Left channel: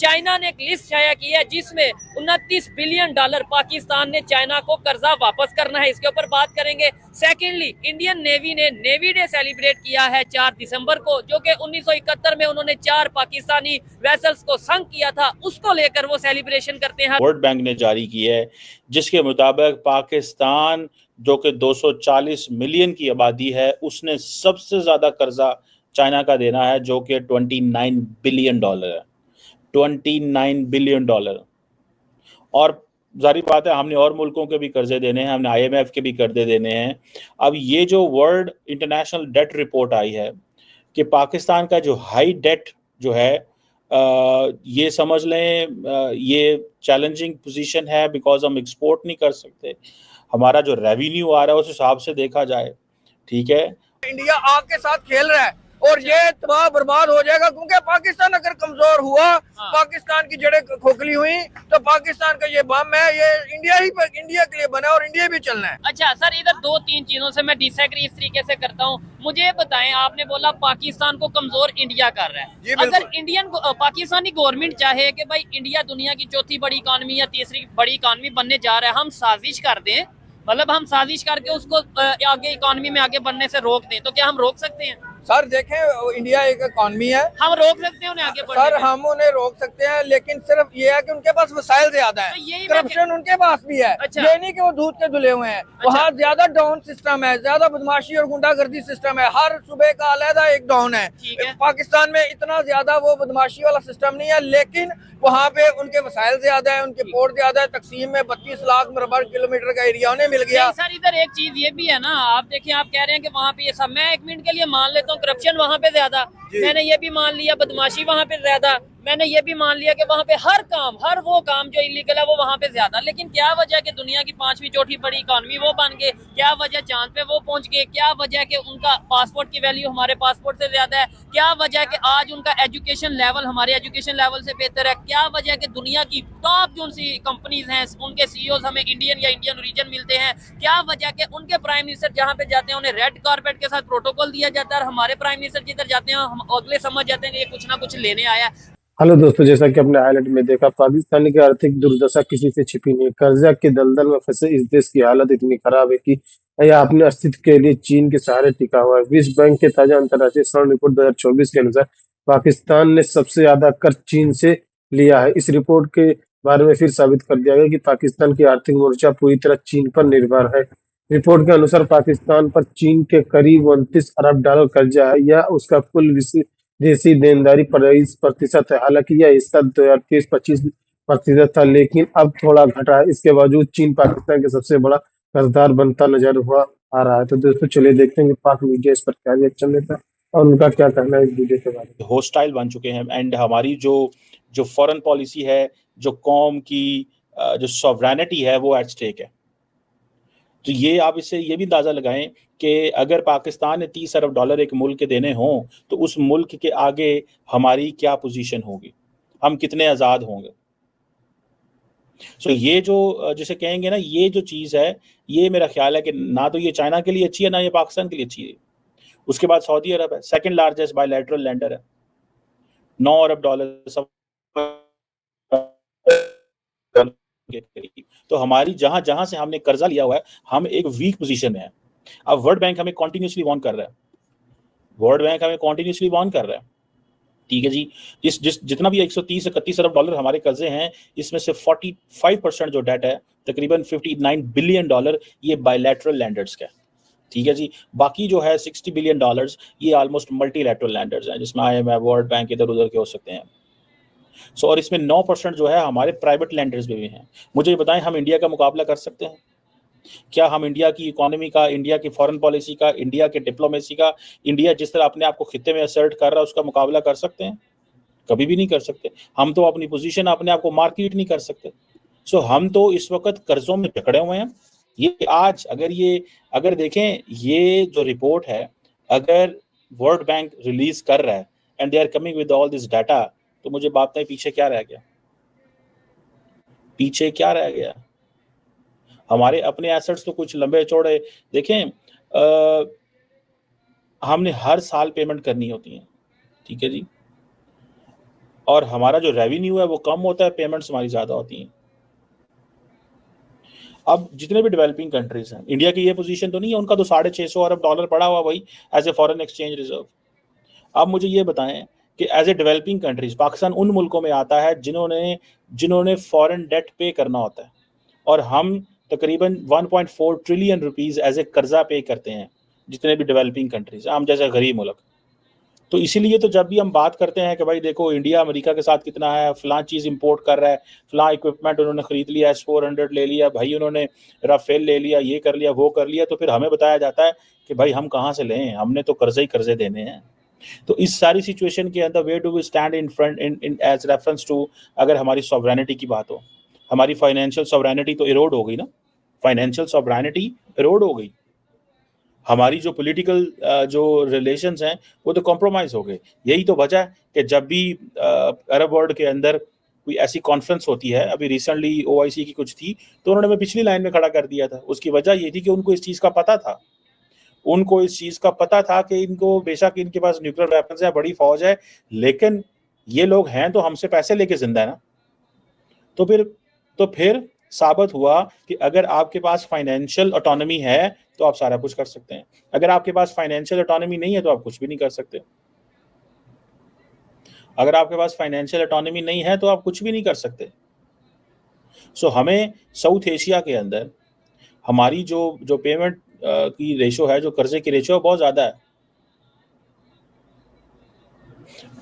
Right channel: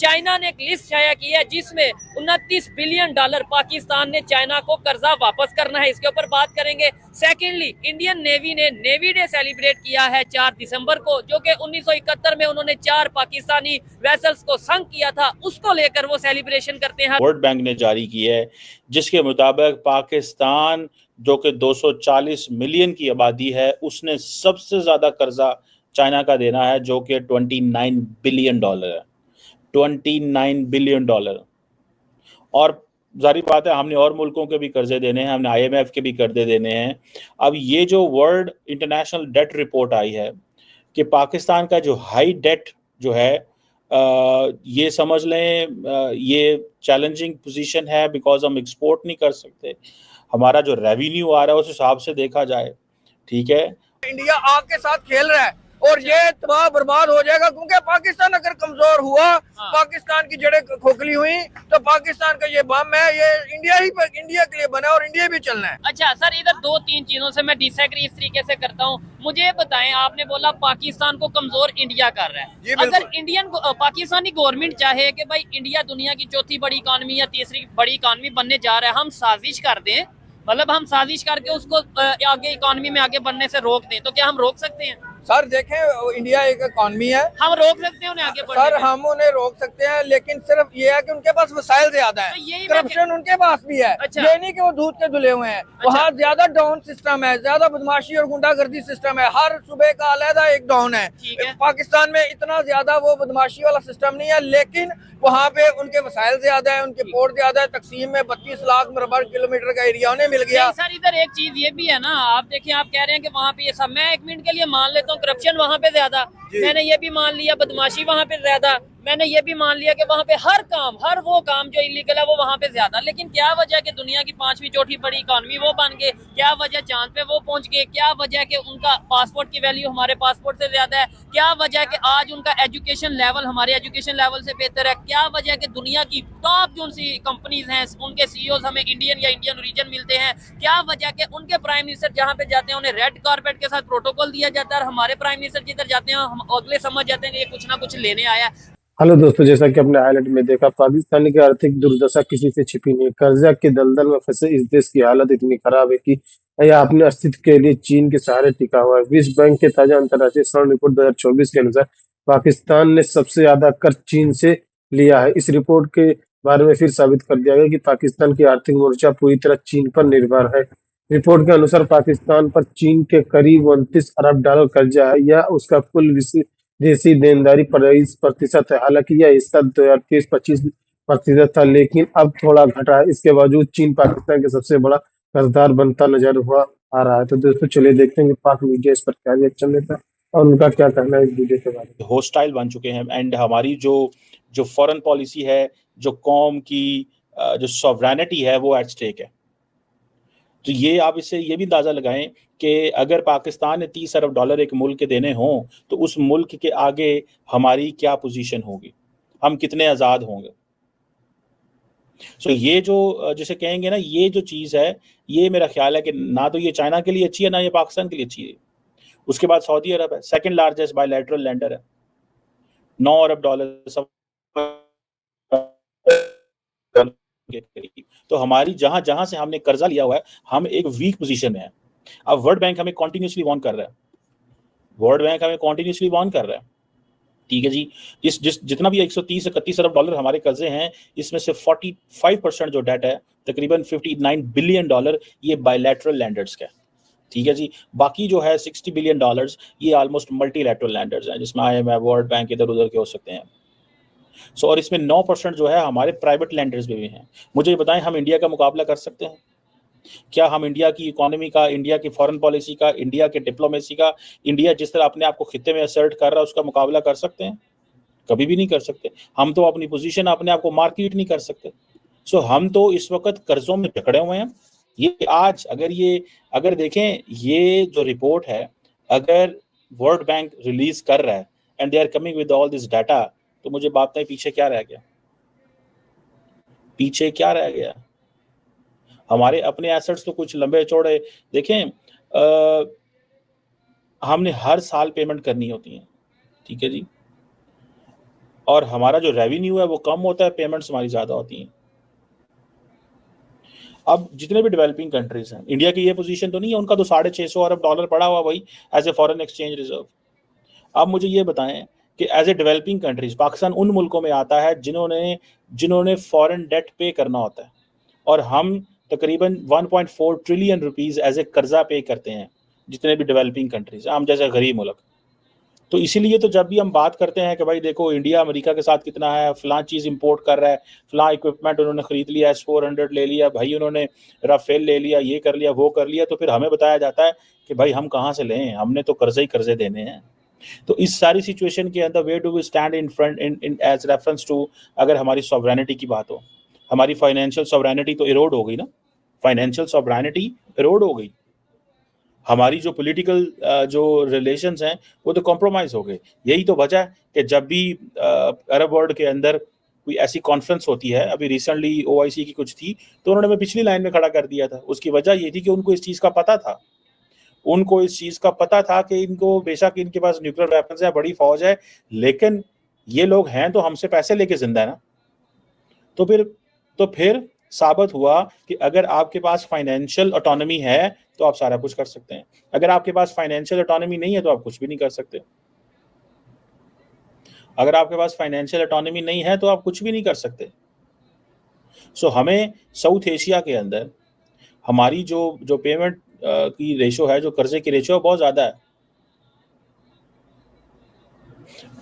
China ने एक list शाया की है जिसमें 29 बिलियन डॉलर पाकिस्तान ने चाइना को कर्जा वापस करना है, इसके ऊपर बात करेंगे। सेकेंडली, इंडियन नेवी ने नेवी डे सेलिब्रेट किया है 4 दिसंबर को, जो कि 1971 में उन्होंने 4 पाकिस्तानी वेसल्स को संक किया था, उसको लेकर वो सेलिब्रेशन करते हैं। वर्ल्ड बैंक ने जारी की है, जिसके मुताबिक पाकिस्तान जो कि 240 मिलियन की आबादी है, उसने सबसे ज्यादा कर्जा चाइना का देना है, जो कि 29 बिलियन डॉलर है। 29 बिलियन डॉलर। और जारी बात है, हमने और मुल्कों के भी कर्जे देने हैं, हमने IMF के भी कर्जे देने हैं। अब ये जो वर्ल्ड इंटरनेशनल डेट रिपोर्ट आई है कि पाकिस्तान का जो हाई डेट जो है, ये समझ लें ये चैलेंजिंग पोजीशन है, बिकॉज हम एक्सपोर्ट नहीं कर सकते। हमारा जो रेवेन्यू आ रहा है उस हिसाब से देखा जाए, ठीक है। इंडिया आग के साथ खेल रहा है और ये तबाह बर्बाद हो जाएगा, क्योंकि पाकिस्तान अगर कमजोर हुआ, पाकिस्तान की जड़ें खोखली हुई, तो पाकिस्तान का ये बम है, ये इंडिया के लिए बना और इंडिया भी चलना है। अच्छा सर, इधर 2-3 चीजों से मैं डिसएग्री इस तरीके से करता हूँ। मुझे बताएं, आपने बोला पाकिस्तान को कमजोर इंडिया कर रहा है। अगर पाकिस्तानी गवर्नमेंट चाहे कि भाई इंडिया दुनिया की चौथी बड़ी इकॉनमी या तीसरी बड़ी इकॉनमी बनने जा रहा है, हम साजिश कर दें, मतलब हम साजिश करके उसको आगे इकॉनमी में आगे बनने से रोक दें, तो क्या हम रोक सकते हैं? सर देखें, इंडिया एक इकॉनमी है, हम रोक सकते हैं उन्हें आगे बढ़ने सर हम उन्हें रोक सकते हैं, लेकिन सिर्फ ये है कि उनके पास वसाइल ज्यादा है, तो करप्शन उनके पास भी है। अच्छा। ये नहीं कि वो दूध के धुले हुए हैं। अच्छा। वहाँ ज्यादा डाउन सिस्टम है, ज्यादा बदमाशी और गुंडागर्दी सिस्टम है, हर सूबे का अलहदा एक डाउन है। पाकिस्तान में इतना ज्यादा वो बदमाशी वाला सिस्टम नहीं है, लेकिन वहाँ पे उनके वसाइल ज्यादा है, उनके पोर्ट ज्यादा है। तकसीम में 32 लाख मरबा किलोमीटर का एरिया उन्हें मिल गया। सर इधर एक चीज ये भी है ना, आप देखिए, आप कह रहे हैं कि वहाँ पे ये सब, मैं एक मिनट के लिए मान लेता हूँ करप्शन वहाँ पे ज्यादा, मैंने ये भी मान लिया बदमाशी वहाँ पे ज्यादा, मैंने ये भी मान लिया कि वहाँ पे हर वो काम जो इलीगल है वो वहाँ पे ज्यादा। लेकिन क्या वजह कि दुनिया की 5वीं चौथी बड़ी इकॉनमी वो बन गए? क्या वजह चांद पे वो पहुंच गए? क्या वजह कि उनका पासपोर्ट की वैल्यू हमारे पासपोर्ट से ज्यादा है? क्या वजह कि आज उनका एजुकेशन लेवल हमारे एजुकेशन लेवल से बेहतर है? क्या वजह कि दुनिया की टॉप जो सी कंपनीज हैं उनके CEO हमें इंडियन या इंडियन ओरिजिन मिलते हैं? क्या वजह कि उनके प्राइम मिनिस्टर जहाँ पे जाते हैं उन्हें रेड कारपेट के साथ प्रोटोकॉल दिया जाता है, और हमारे प्राइम मिनिस्टर जिधर जाते हैं हम अगले समझ जाते हैं कि ये कुछ ना कुछ लेने आया है। हेलो दोस्तों, जैसा कि अपने हाईलाइट में देखा, पाकिस्तान की आर्थिक दुर्दशा किसी से छिपी नहीं। कर्जा के दलदल में फंसे इस देश की हालत इतनी खराब है कि यह अपने अस्तित्व के लिए चीन के सहारे टिका हुआ है। विश्व बैंक के ताजा अंतर्राष्ट्रीय श्रम रिपोर्ट 2024 के अनुसार पाकिस्तान ने सबसे ज्यादा कर्ज चीन से लिया है। इस रिपोर्ट के बारे में फिर साबित कर दिया गया कि पाकिस्तान की आर्थिक मोर्चा पूरी तरह चीन पर निर्भर है। रिपोर्ट के अनुसार पाकिस्तान पर चीन के करीब 29 अरब डॉलर कर्जा है। यह उसका कुल देशी देनदारी 22% है। हालांकि यह हिस्सा 2023-25% था, लेकिन अब थोड़ा घटा है। इसके बावजूद चीन पाकिस्तान के सबसे बड़ा कर्जदार बनता नजर हुआ आ रहा है। तो दोस्तों चलिए देखते हैं कि पाक मीडिया इस पर क्या रिएक्शन देता है और उनका क्या कहना है इस वीडियो के बारे में। होस्टाइल बन चुके हैं, एंड हमारी जो फॉरेन पॉलिसी है, जो कौम की जो सॉवरेनिटी है, वो एट स्टेक है। तो ये आप इससे ये भी अंदाजा लगाएं कि अगर पाकिस्तान ने 30 अरब डॉलर एक मुल्क के देने हों, तो उस मुल्क के आगे हमारी क्या पोजीशन होगी, हम कितने आज़ाद होंगे। सो ये जो जिसे कहेंगे ना, ये जो चीज़ है, ये मेरा ख्याल है कि ना तो ये चाइना के लिए अच्छी है, ना ये पाकिस्तान के लिए अच्छी है। उसके बाद सऊदी अरब है, सेकंड लार्जेस्ट बायलैटरल लेंडर है, 9 अरब डॉलर सब के करीब। तो हमारी जहां जहां से हमने कर्जा लिया हुआ है, हम एक वीक पोजीशन में है। अब वर्ल्ड बैंक हमें कॉन्टिन्यूसली वार्न कर रहा है, ठीक है जी। जितना भी 130-31 अरब डॉलर हमारे कर्जे हैं, इसमें से 45% जो डेट है, तकरीबन 59 बिलियन डॉलर, ये बायलैटरल लैंडर्स का है, ठीक है जी। बाकी जो है 60 बिलियन डॉलर्स, ये ऑलमोस्ट मल्टीलैटरल लैंडर्स हैं, जिसमें IMF, वर्ल्ड बैंक, इधर उधर के हो सकते हैं। और इसमें 9% जो है हमारे प्राइवेट लैंडर्स भी हैं। मुझे बताएं, हम इंडिया का मुकाबला कर सकते हैं क्या? हम इंडिया की इकोनॉमी का, इंडिया की फॉरेन पॉलिसी का, इंडिया के डिप्लोमेसी का, इंडिया जिस तरह अपने आप को खित्ते में असर्ट कर रहा है, उसका मुकाबला कर सकते हैं? कभी भी नहीं कर सकते। हम तो अपनी पोजीशन, अपने आप को मार्केट नहीं कर सकते। हम तो इस वक्त कर्जों में जकड़े हुए हैं। ये आज अगर देखें, ये जो रिपोर्ट है, अगर वर्ल्ड बैंक रिलीज कर रहा है and they are coming with all this data, तो मुझे बात है, पीछे क्या रह गया? हमारे अपने एसेट्स तो कुछ लंबे चौड़े देखें, हमने हर साल पेमेंट करनी होती है, ठीक है जी। और हमारा जो रेवेन्यू है वो कम होता है, पेमेंट्स हमारी ज़्यादा होती हैं। अब जितने भी डेवलपिंग कंट्रीज हैं, इंडिया की ये पोजीशन तो नहीं है, उनका तो $650 अरब पड़ा हुआ भाई as a foreign exchange reserve. अब मुझे ये बताएं कि as a developing countries Pakistan उन मुल्कों में आता है जिन्होंने फॉरेन डेट पे करना होता है, और हम तकरीबन 1.4 ट्रिलियन रुपीस एज ए कर्जा पे करते हैं जितने भी डेवलपिंग कंट्रीज, हम जैसे गरीब मुल्क। तो इसीलिए तो जब भी हम बात करते हैं कि भाई देखो इंडिया अमेरिका के साथ कितना है, फलां चीज़ इंपोर्ट कर रहा है, फलां इक्विपमेंट उन्होंने खरीद लिया, S-400 ले लिया भाई, उन्होंने राफेल ले लिया, ये कर लिया वो कर लिया, तो फिर हमें बताया जाता है कि भाई हम कहाँ से लें, हमने तो कर्जे ही कर्जे देने हैं। तो इस सारी सिचुएशन के अंदर where do we stand in front in as reference to, अगर हमारी सॉवरेनिटी की बात हो, हमारी फाइनेंशियल सॉवरेनिटी तो इरोड हो गई ना, फाइनेंशियल सॉवरेनिटी इरोड हो गई, हमारी जो पॉलिटिकल जो रिलेशंस हैं वो तो कॉम्प्रोमाइज हो गए। यही तो वजह है कि जब भी अरब वर्ल्ड के अंदर कोई ऐसी कॉन्फ्रेंस होती है, अभी रिसेंटली OIC की कुछ थी, तो उन्होंने हमें पिछली लाइन में खड़ा कर दिया था। उसकी वजह ये थी कि उनको इस चीज़ का पता था, उनको इस चीज़ का पता था कि इनको बेशक इनके पास न्यूक्लियर वेपन्स है, बड़ी फौज है, लेकिन ये लोग हैं तो हमसे पैसे लेके जिंदा है ना। तो फिर साबित हुआ कि अगर आपके पास फाइनेंशियल ऑटोनॉमी है तो आप सारा कुछ कर सकते हैं, अगर आपके पास फाइनेंशियल ऑटोनॉमी नहीं है तो आप कुछ भी नहीं कर सकते। अगर आपके पास फाइनेंशियल ऑटोनॉमी नहीं है तो आप कुछ भी नहीं कर सकते। सो हमें साउथ एशिया के अंदर हमारी जो पेमेंट की रेशो है, जो कर्जे की रेशो है, बहुत ज़्यादा है।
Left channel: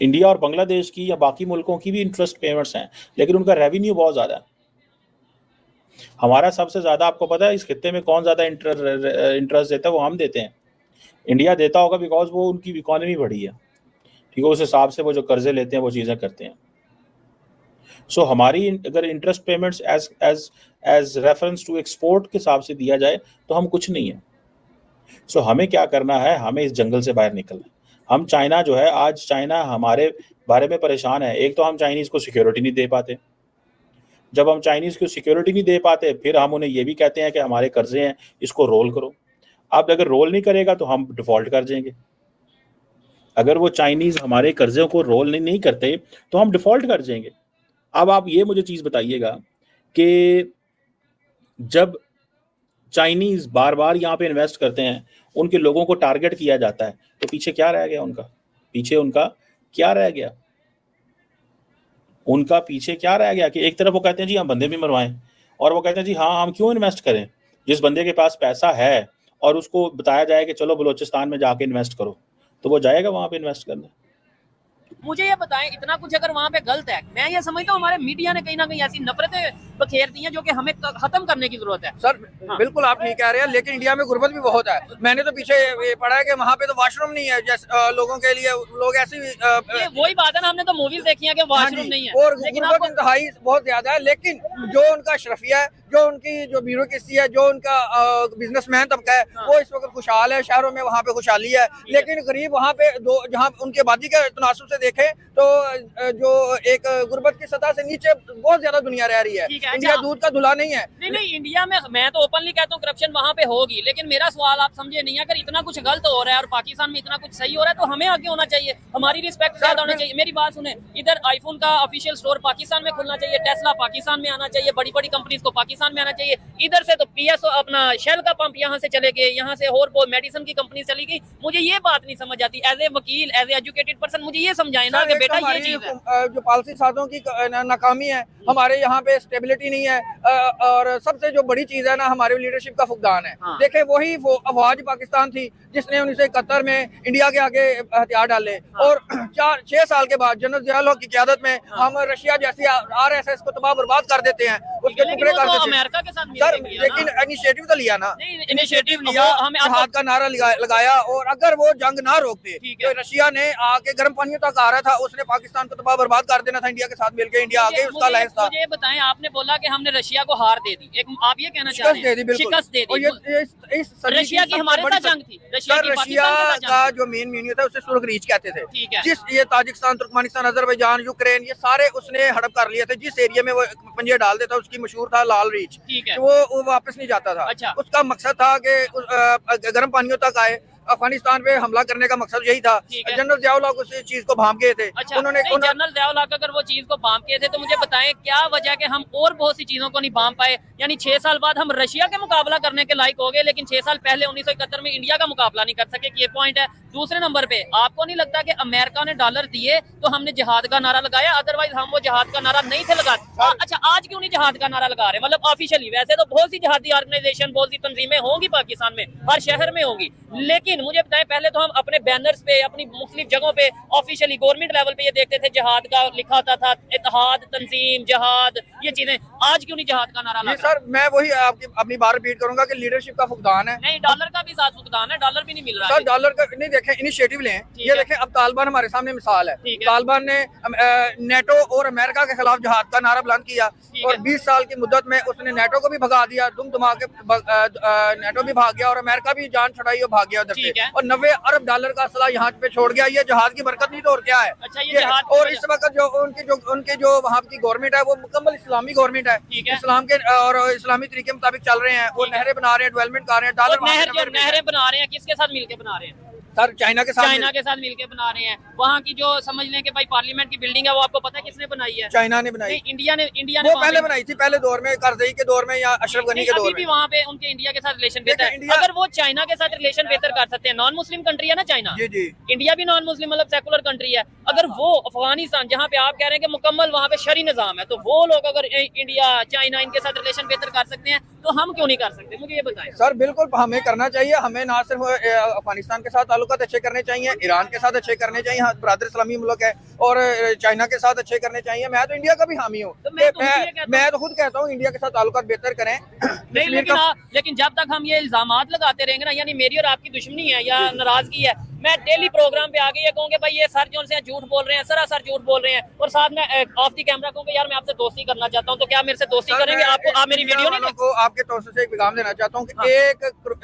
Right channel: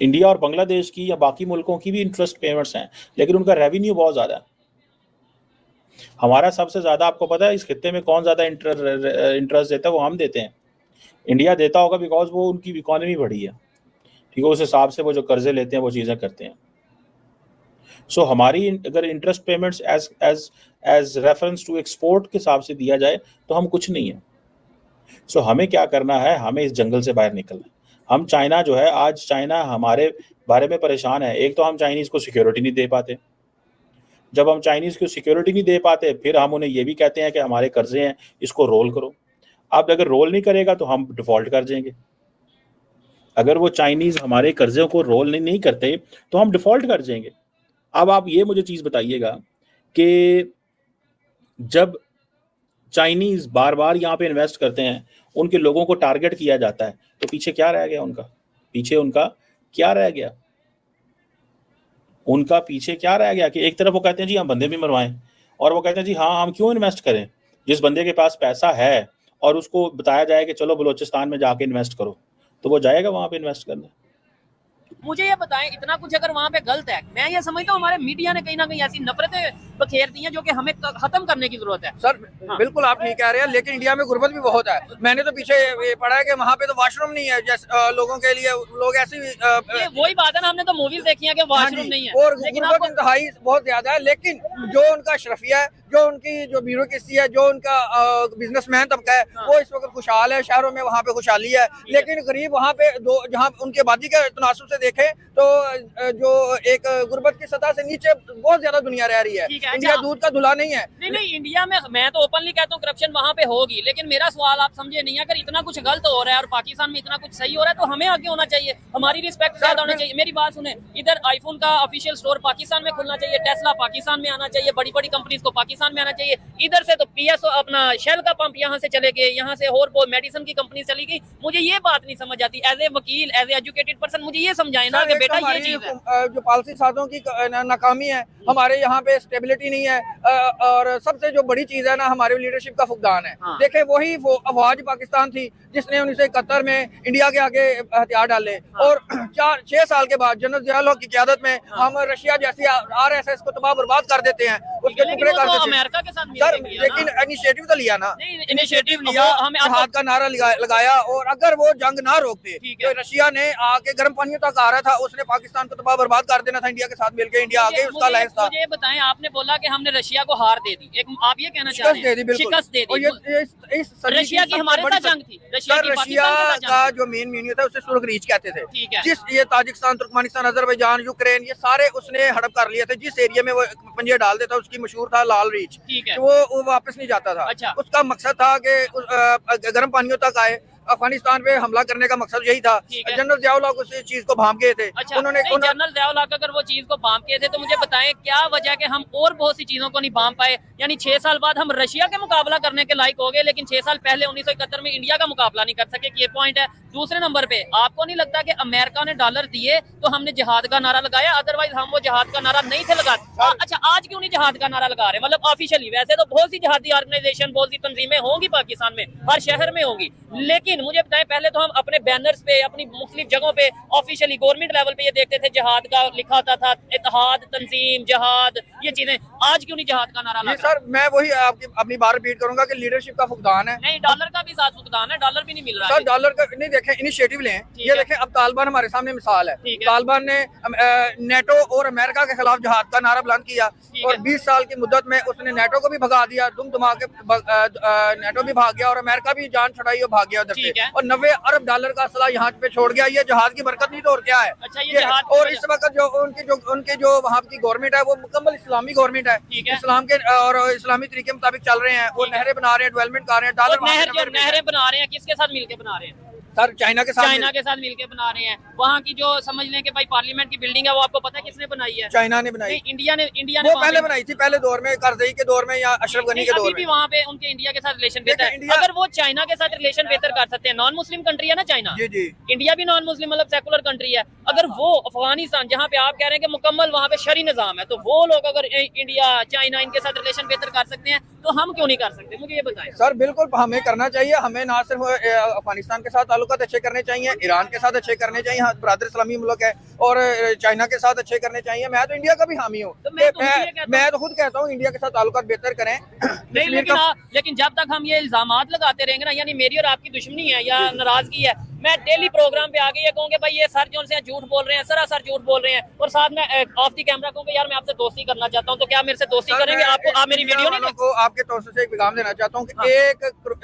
इंडिया और बांग्लादेश की या बाकी मुल्कों की भी इंटरेस्ट पेमेंट्स हैं, लेकिन उनका रेवेन्यू बहुत ज़्यादा है। हमारा सबसे ज़्यादा, आपको पता है इस खित्ते में कौन ज़्यादा इंटरेस्ट देता है? वो हम देते हैं। इंडिया देता होगा बिकॉज वो उनकी इकोनॉमी बढ़ी है, ठीक है, उस हिसाब से वो जो कर्जे लेते हैं वो चीज़ें करते हैं। सो हमारी अगर interest payments as reference to export के हिसाब से दिया जाए तो हम कुछ नहीं है। सो हमें क्या करना है, हमें इस जंगल से बाहर निकलना है। हम चाइना जो है, आज चाइना हमारे बारे में परेशान है। एक तो हम चाइनीज़ को सिक्योरिटी नहीं दे पाते, जब हम चाइनीज़ को सिक्योरिटी नहीं दे पाते फिर हम उन्हें ये भी कहते हैं कि हमारे कर्जे हैं, इसको रोल करो। अब अगर रोल नहीं करेगा तो हम डिफ़ॉल्ट कर जाएंगे। अगर वो चाइनीज़ हमारे कर्ज़ों को रोल नहीं करते तो हम डिफ़ॉल्ट कर जाएंगे। अब आप ये मुझे चीज़ बताइएगा कि जब चाइनीज़ बार बार यहाँ पे इन्वेस्ट करते हैं, उनके लोगों को टारगेट किया जाता है, तो पीछे क्या रह गया उनका? पीछे उनका क्या रह गया? उनका पीछे क्या रह गया कि एक तरफ वो कहते हैं जी हम बंदे भी मरवाएं, और वो कहते हैं जी हाँ हम क्यों इन्वेस्ट करें। जिस बंदे के पास पैसा है और उसको बताया जाए कि चलो बलूचिस्तान में जाके इन्वेस्ट करो, तो वो जाएगा वहाँ पे इन्वेस्ट करने। मुझे ये बताएं, इतना कुछ अगर वहाँ पे गलत है, मैं ये समझता हूँ हमारे मीडिया ने कहीं ना कहीं ऐसी नफरतें बखेर दी हैं जो कि हमें खत्म करने की जरूरत है। सर बिल्कुल आप ठीक कह रहे हैं, लेकिन इंडिया में गुर्बत भी बहुत है। मैंने तो पीछे ये पढ़ा है कि वहाँ पे तो वॉशरूम नहीं है, जैसे लोगों के लिए, लोग ऐसी ये वही बात है ना, हमने तो मूवीज देखी है कि वॉशरूम नहीं है, और लेकिन गुर्बत इंतहाई बहुत ज्यादा है। लेकिन जो उनका अशरफिया है, जो उनकी जो ब्यूरोक्रेसी है, जो उनका बिजनेसमैन तबका है, वो इस वक्त खुशहाल है, शहरों में वहाँ पे खुशहाली है। लेकिन गरीब वहाँ पे जहाँ उनकी आबादी के तनासुब से देखें तो जो एक गुर्बत की सतह से नीचे बहुत ज्यादा दुनिया रह रही है। इंडिया दूध का धुला नहीं है। नहीं, इंडिया में मैं तो ओपनली कहता हूँ करप्शन वहाँ पे होगी, लेकिन मेरा सवाल आप समझे नहीं, अगर इतना कुछ गलत हो रहा है और पाकिस्तान में इतना कुछ सही हो रहा है तो हमें आगे होना चाहिए, हमारी रिस्पेक्ट ज्यादा होनी चाहिए। मेरी बात सुने, इधर आईफोन का ऑफिशियल स्टोर पाकिस्तान में खुलना चाहिए, टेस्ला पाकिस्तान में आना चाहिए, बड़ी बड़ी कंपनीज को पाकिस्तान में आना चाहिए। इधर से तो PSO अपना शेल का पंप यहाँ से चले गए, यहाँ से और वो मेडिसिन की कंपनी चली गई। मुझे ये बात नहीं समझ आती, एज ए वकील, एज ए एजुकेटेड पर्सन, मुझे ये समझाए ना कि बेटा ये चीज है। जो पॉलिसी साजों की नाकामी है, हमारे यहाँ पे स्टेबिलिटी नहीं है, और सबसे जो बड़ी चीज है ना, हमारे लीडरशिप का फुकदान है। देखे वही वो अफवाज पाकिस्तान थी जिसने 1971 में इंडिया के आगे हथियार डाले, और 4-6 साल के बाद जनरल ज़िया की क़यादत में हम रशिया जैसी RSS को तबाह बर्बाद कर देते हैं, उसके टुकड़े कर देते हैं। अमेरिका के साथ सर लेकिन इनिशिएटिव तो लिया ना, इनिशिएटिव लिया, जिहाद का नारा लगाया, और अगर वो जंग ना रोकते तो रशिया ने आके गर्म पानियों तक आ रहा था, उसने पाकिस्तान को तबाह बर्बाद कर देना था। इंडिया के साथ मिलकर इंडिया आगे उसका अलायंस था। मुझे बताएं, आपने बोला कि हमने रशिया को हार दे दी, एक आप ये कहना चाह रहे हैं? शिकस्त दे दी। रशिया की हमारे साथ जंग थी। रशिया का जो मेन मीनियो था उसे सुर्ख रीच कहते थे। जिस ये ताजिकिस्तान, तुर्कमेनिस्तान, अजरबैजान, यूक्रेन, ये सारे उसने हड़प कर लिए थे। जिस एरिया में वो पंजे डाल देता उसकी मशहूर था लाल रीच, वो वापस नहीं जाता था। अच्छा। उसका मकसद था कि गर्म पानियों तक आए, अफगानिस्तान पे हमला करने का मकसद यही था। ठीक है। जनरल ज़ियाउल हक उस चीज को भांप गए थे। अच्छा, उन्होंने नहीं, जनरल ज़ियाउल हक अगर वो चीज को भांप गए थे तो मुझे बताएं क्या वजह कि हम और बहुत सी चीजों को नहीं भांप पाए। यानी 6 साल बाद हम रशिया के मुकाबला करने के लायक हो गए, लेकिन 6 साल पहले 1971 में इंडिया का मुकाबला नहीं कर सके। ये पॉइंट है। दूसरे नंबर पे आपको नहीं लगता कि अमेरिका ने डॉलर दिए तो हमने जिहाद का नारा लगाया, अदरवाइज हम वो जिहाद का नारा नहीं थे लगाते। अच्छा, आज क्यों नहीं जिहाद का नारा लगा रहे? मतलब ऑफिशियली वैसे तो बहुत सी जिहादी ऑर्गेनाइजेशन, बहुत सी तंजीमें होंगी पाकिस्तान में, हर शहर में होंगी, लेकिन मुझे बताएं पहले तो हम अपने बैनर्स पे, अपनी मुख्तलिफ जगहों पे ऑफिशियली गवर्नमेंट लेवल पे ये देखते थे जिहाद का लिखा होता था, इत्तेहाद, तंजीम, जिहाद, ये चीजें। आज क्यों नहीं जिहाद का नारा लगा? सर मैं वही आपकी अपनी बात रिपीट करूंगा कि लीडरशिप का फुकदान है। नहीं, डॉलर का भी साथ फुकदान है, डॉलर भी नहीं मिल रहा सर है। डॉलर का नहीं देखें, इनिशिएटिव लें। ये देखें, अब तालिबान हमारे सामने मिसाल है। ठीक है। तालिबान ने नेटो और अमेरिका के खिलाफ जिहाद का नारा बुलंद किया है। ठीक है। और 20 साल की मुद्दत में उसने नेटो को भी भगा दिया, दुम दुमा के नेटो भी भाग गया और अमेरिका भी जान छुड़ाई और भाग गया उधर ठीक से। है। और 90 अरब डॉलर का असला यहाँ पे छोड़ गया। ये जहाज की बरकत नहीं तो और क्या है? अच्छा, ये जहाज की और वजह- इस वक्त जो उनके जो वहाँ की गवर्नमेंट है वो मुकम्मल इस्लामी गवर्नमेंट है। ठीक है। इस्लाम के और इस्लामी तरीके मुताबिक चल रहे हैं। वो ठीक है। नहरें बना रहे हैं, डेवलपमेंट कर रहे हैं, डॉलर और नहरें बना रहे हैं, किसके साथ मिलके बना रहे हैं? सर चाइना के साथ चाइना के साथ मिलके बना रहे हैं। वहाँ की जो समझ लें कि भाई पार्लियामेंट की बिल्डिंग है, वो आपको पता है किसने बनाई है? चाइना ने बनाई। नहीं, इंडिया ने वो वहाँ पहले पे- बनाई थी, पहले दौर में, करजई के दौर में या अशरफ गनी नहीं, के अभी दौर भी में। वहाँ पे उनके इंडिया के साथ रिलेशन बेहतर है। इंडिया- अगर वो चाइना के साथ रिलेशन बेहतर कर सकते हैं, नॉन मुस्लिम कंट्री है ना चाइना, जी जी। इंडिया भी नॉन मुस्लिम मतलब सेकुलर कंट्री है, अगर वो अफगानिस्तान जहाँ पे आप कह रहे हैं कि मुकम्मल वहाँ पे शरी निजाम है, तो वो लोग अगर इंडिया चाइना इनके साथ रिलेशन बेहतर कर सकते हैं तो हम क्यों नहीं कर सकते? मुझे ये बताएं। सर बिल्कुल हमें करना चाहिए। हमें ना सिर्फ अफगानिस्तान के साथ ताल्लुकात अच्छे करने चाहिए, ईरान के साथ अच्छे करने चाहिए, हाँ बरादर इस्लामी मुल्क है, और चाइना के साथ अच्छे करने चाहिए। मैं तो इंडिया का भी हामी हूँ। तो मैं तो ये कहता हूँ- मैं तो खुद कहता हूँ इंडिया के साथ ताल्लुकात बेहतर करें। नहीं, कश्मीर लेकिन का- लेकिन जब तक हम ये इल्जामात लगाते रहेंगे ना, यानी मेरी और आपकी दुश्मनी है या नाराजगी है, मैं डेली प्रोग्राम पे आके ये कहूँगा भाई ये सर जो से झूठ बोल रहे हैं, सरासर झूठ बोल रहे हैं, और साथ में ऑफ दी कैमरा कहूँगा यार मैं आपसे दोस्ती करना चाहता हूँ, तो क्या मेरे से दोस्ती सर, करेंगे? मैं आपको आप मेरी वीडियो नहीं को आपके तौर से एक पैगाम देना चाहता हूँ कि हाँ।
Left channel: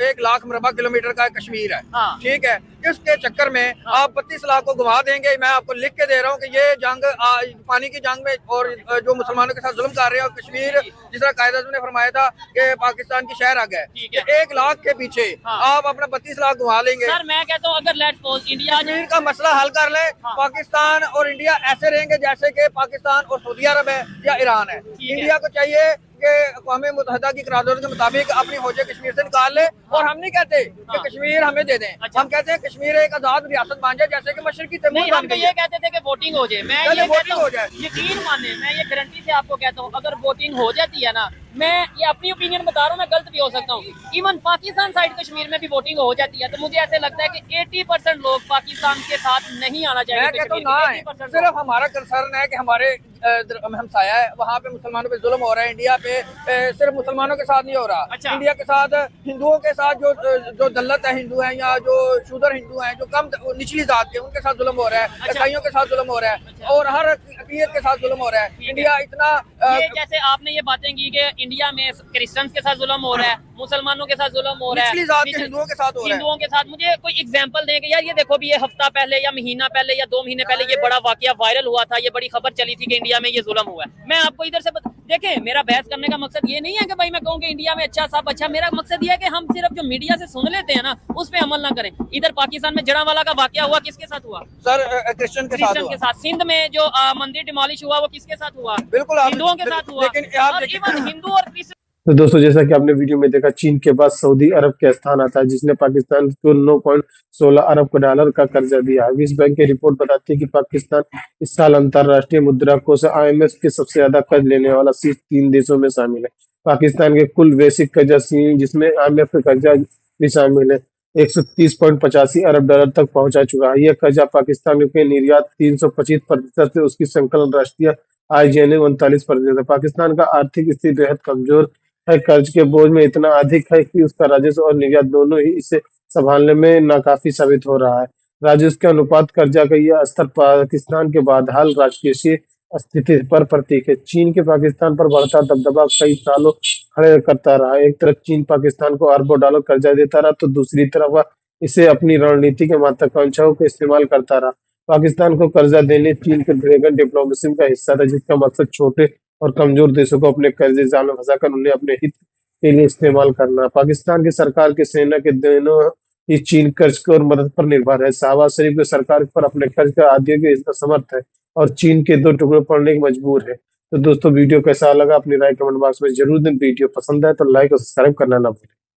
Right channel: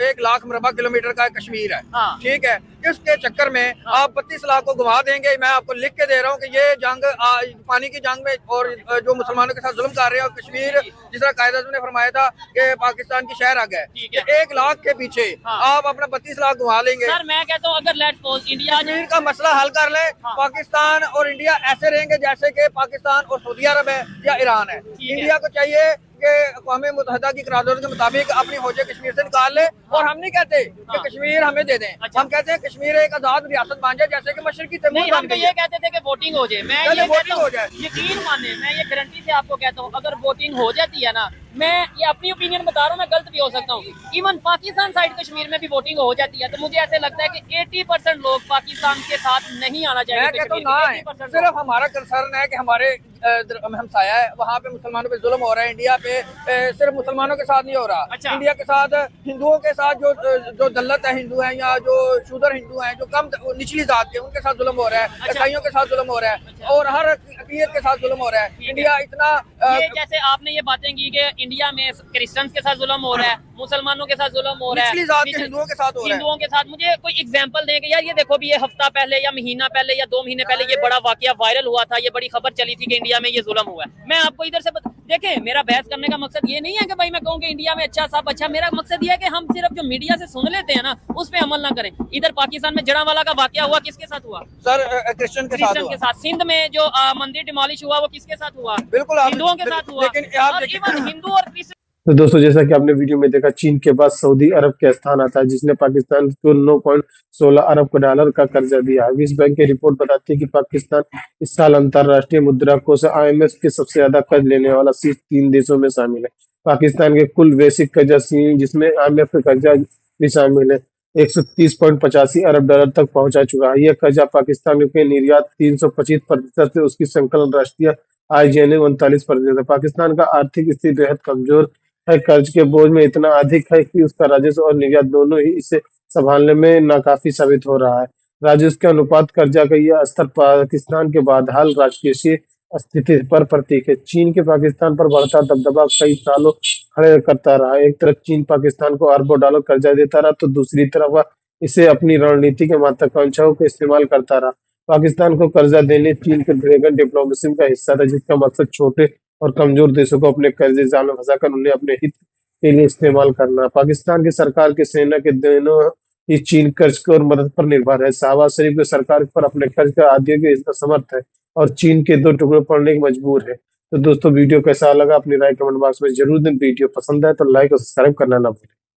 1 लाख मुरबा किलोमीटर का कश्मीर है। हाँ। ठीक है, इसके चक्कर में आप 32 लाख को घुमा देंगे। मैं आपको लिख के दे रहा हूँ कि ये जंग पानी की जंग में और जो मुसलमानों के साथ जुल्म कर रहे हैं, और कश्मीर जिस तरह कायद आज़म ने फरमाया था कि पाकिस्तान की शहर आ गए, ठीक है। 1 लाख के पीछे हाँ। आप अपना 32 लाख घुमा लेंगे। सर मैं कहता हूँ अगर लेट्स सपोज इंडिया कश्मीर का मसला हल कर ले, हाँ। पाकिस्तान और इंडिया ऐसे रहेंगे जैसे कि पाकिस्तान और सऊदी अरब है या ईरान है। है। इंडिया को चाहिए कि अक़वाम मुत्तहिदा की करारदाद के मुताबिक अपनी फौजें कश्मीर से निकाल ले, और हम नहीं कहते कि हाँ। कश्मीर हमें दे दें। अच्छा। हम कहते हैं कश्मीर एक आजाद रियासत बन जाए जैसे कि मशरकी तैमूर नहीं, बन हम तो गई ये है। कहते थे कि वोटिंग हो जाए। मैं पहले ये वोटिंग कहता हूँ, हो जाए। यकीन माने मैं ये गारंटी से आपको कहता हूँ, अगर वोटिंग हो जाती है ना, मैं ये अपनी ओपिनियन बता रहा हूँ, मैं गलत भी हो सकता हूँ, इवन पाकिस्तान साइड कश्मीर में भी वोटिंग हो जाती है, तो मुझे ऐसे लगता है कि 80% लोग पाकिस्तान के साथ नहीं आना मैं चाहिए। कहता हूँ ना है, 80% सिर्फ हमारा कंसर्न है कि हमारे हमसाया है, वहाँ पे मुसलमानों पे जुल्म हो रहा है। इंडिया पे सिर्फ मुसलमानों के साथ नहीं हो रहा। अच्छा। इंडिया के साथ हिंदुओं के साथ जो दल्लत है हिंदू हैं या जो शूदर हिंदू हैं, जो कम निचली जात के, उनके साथ जुल्म हो रहा है। अच्छा। ईसाइयों के साथ जुल्म हो रहा है और हर अक़लियत के साथ जुल्म हो रहा है। इंडिया इतना ये जैसे आपने ये बातें की कि इंडिया में क्रिश्चियंस के साथ जुल्म हो रहा है, मुसलमानों के साथ जुल्म हो रहा है, निचली जात के हिंदुओं के साथ हो रहा है। हिंदुओं के साथ, मुझे कोई एग्जांपल देंगे यार? ये देखो भी ये हफ्ता पहले या महीना पहले या 2 महीने पहले ये बड़ा वाकया वायरल हुआ था, ये बड़ी खबर चली थी कि इंडिया में ये जुल्म हुआ है। मैं आपको इधर से देखें, मेरा बहस करने का मकसद ये नहीं है कि भाई मैं कहूँ कि इंडिया में अच्छा सब अच्छा, मेरा मकसद ये है कि हम सिर्फ जो मीडिया से सुन लेते हैं ना उस पर अमल ना करें। इधर पाकिस्तान में जड़ावाला का वाकया हुआ, किसके साथ हुआ? सर क्रिश्चियन के साथ क्रिश्चियन हुआ। के साथ। सिंध में जो मंदिर डिमोलिश हुआ वो किसके साथ हुआ? बिल्कुल आप- हिंदुओं के साथ हुआ। लेकिन आप और देखिए- इवन हिंदू और क्रिश्चियन तो दोस्तों जैसा कि आपने वीडियो में देखा, चीन के बाद सऊदी अरब के स्थान आता है, जिसने पाकिस्तान को 9.16 अरब डॉलर का कर्जा दिया है। विश्व बैंक की रिपोर्ट बताती है कि पाकिस्तान इस साल अंतर्राष्ट्रीय मुद्रा कोष IMF के सबसे ज्यादा कर्ज लेने वाला शीर्ष 3 देशों में शामिल है। पाकिस्तान के कुल वैश्विक कर्जा जिसमें IMF का कर्जा भी शामिल है, 130.85 अरब डॉलर तक पहुंचा चुका है। यह कर्जा पाकिस्तान के निर्यात 325% से उसकी संकलन राष्ट्रीय आय 39% है। पाकिस्तान का आर्थिक स्थिति बेहद कमजोर है, कर्ज के बोझ में इतना अधिक है कि उसका राजस्व और निर्यात दोनों ही इसे संभालने में नाकाफी साबित हो रहा है। राजस्व के अनुपात कर्जा का यह स्तर पाकिस्तान के बदहाल राजकोषीय स्थिति पर प्रतीक है। चीन के पाकिस्तान पर बढ़ता दबदबा कई सालों खड़े करता रहा। एक तरफ चीन पाकिस्तान को अरबों डॉलर कर्जा देता रहा, तो दूसरी तरफ वह इसे अपनी रणनीति के महत्वाकांक्षाओं को इस्तेमाल करता रहा। पाकिस्तान को कर्जा देने चीन के ड्रैगन डिप्लोमेसी का हिस्सा था, जिसका मकसद छोटे और कमजोर देशों को अपने कर्जे जाल में फंसाकर उन्हें अपने हित के लिए इस्तेमाल करना। पाकिस्तान की सरकार की सेना के दिनों ये चीन कर्ज और मदद पर निर्भर है। शहबाज शरीफ की सरकार पर अपने कर्ज का आदियों के असमर्थ है और चीन के दो टुकड़े पड़ने की मजबूर है। तो दोस्तों वीडियो कैसा लगा अपनी राय कमेंट बॉक्स में जरूर दें। वीडियो पसंद है तो लाइक और सब्सक्राइब करना ना भूलें।